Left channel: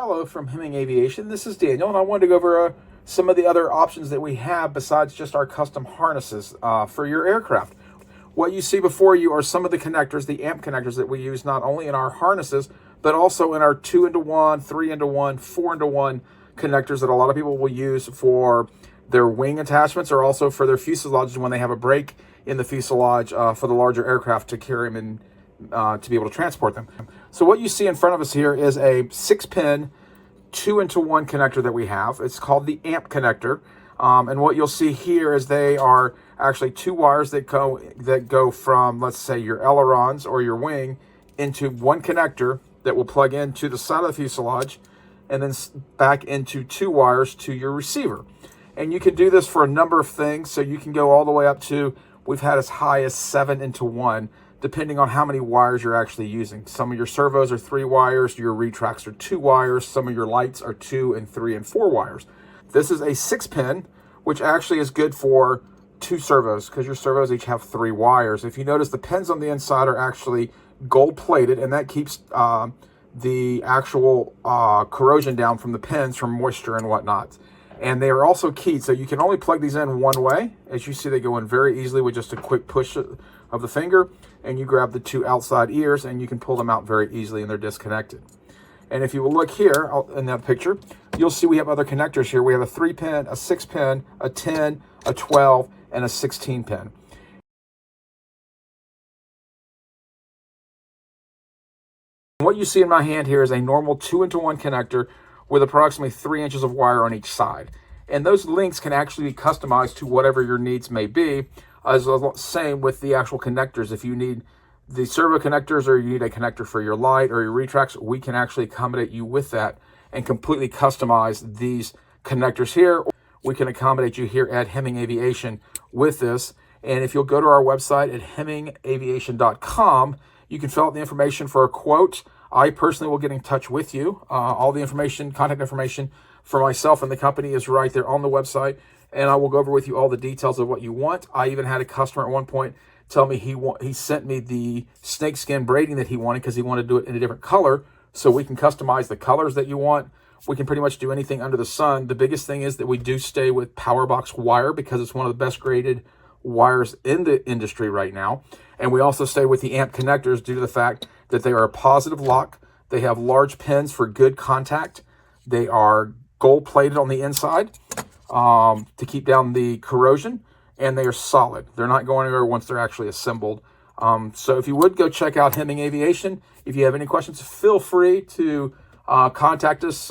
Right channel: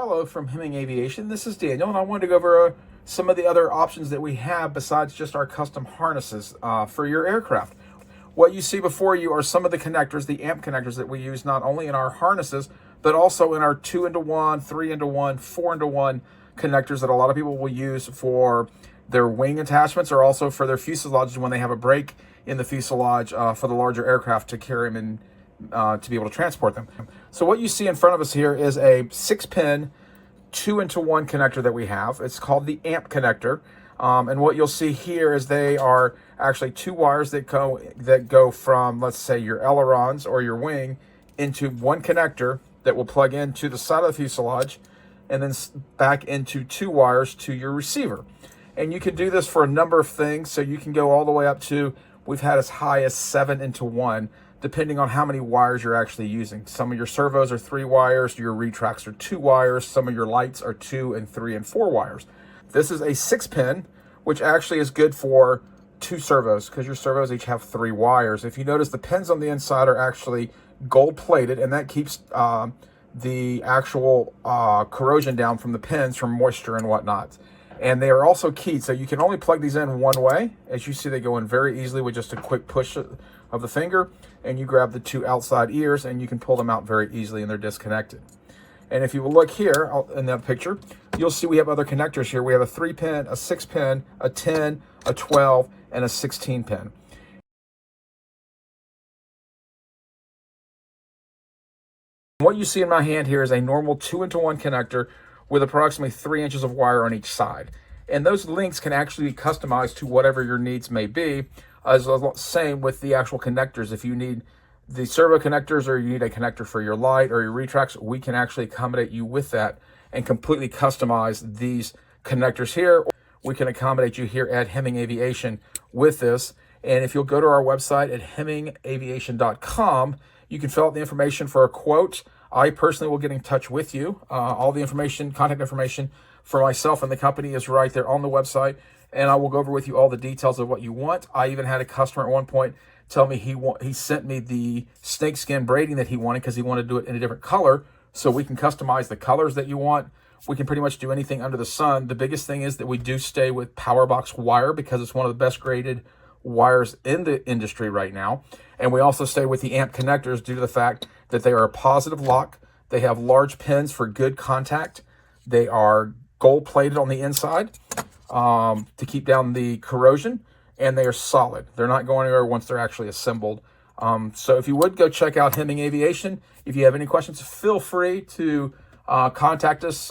Hello from Hemming-Aviation. This is Daniel, and I wanted to go over some of the other options that we have besides just our custom harnesses for your aircraft. What you see before you are some of the connectors, the amp connectors that we use not only in our harnesses, but also in our 2-into-1, 3-into-1, 4-into-1 connectors that a lot of people will use for their wing attachments or also for their fuselages when they have a break in the fuselage for the larger aircraft to carry them in to be able to transport them. So what you see in front of us here is a 6-pin 2-into-1 connector that we have. It's called the amp connector. And what you'll see here is they are actually two wires that go from, let's say, your ailerons or your wing into one connector that will plug into the side of the fuselage and then back into two wires to your receiver. And you can do this for a number of things. So you can go all the way up to, we've had as high as 7-into-1, depending on how many wires you're actually using. Some of your servos are 3 wires, your retracts are 2 wires, some of your lights are 2 and 3 and 4 wires. This is a 6-pin, which actually is good for 2 servos because your servos each have 3 wires. If you notice, the pins on the inside are actually gold plated, and that keeps the actual corrosion down from the pins from moisture and whatnot. And they are also keyed, so you can only plug these in one way. As you see, they go in very easily with just a quick push of the finger, and you grab the 2 outside ears and you can pull them out very easily, and they're disconnected. And if you will look here in that picture, you'll see we have other connectors here. We have a 3-pin, a 6-pin, a 10, a 12, and a 16-pin. What you see in my hand here is a normal 2-into-1 connector with approximately 3 inches of wire on each side. And those links can actually be customized to whatever your needs may be. As the same with the actual connectors. If you need the servo connectors or you need a connector for your light or your retracts, we can actually accommodate you with that and completely customize these connectors here. We can accommodate you here at Hemming-Aviation with this. And if you'll go to our website at Hemming-Aviation.com, you can fill out the information for a quote. I personally will get in touch with you. All the information, contact information for myself and the company is right there on the website. And I will go over with you all the details of what you want. I even had a customer at one point tell me he sent me the snakeskin braiding that he wanted because he wanted to do it in a different color. So we can customize the colors that you want. We can pretty much do anything under the sun. The biggest thing is that we do stay with power box wire because it's one of the best graded wires in the industry right now. And we also stay with the amp connectors due to the fact that they are a positive lock. They have large pins for good contact. They are gold plated on the inside to keep down the corrosion, and they are solid. They're not going anywhere once they're actually assembled. So if you would go check out Hemming-Aviation. If you have any questions, feel free to contact us.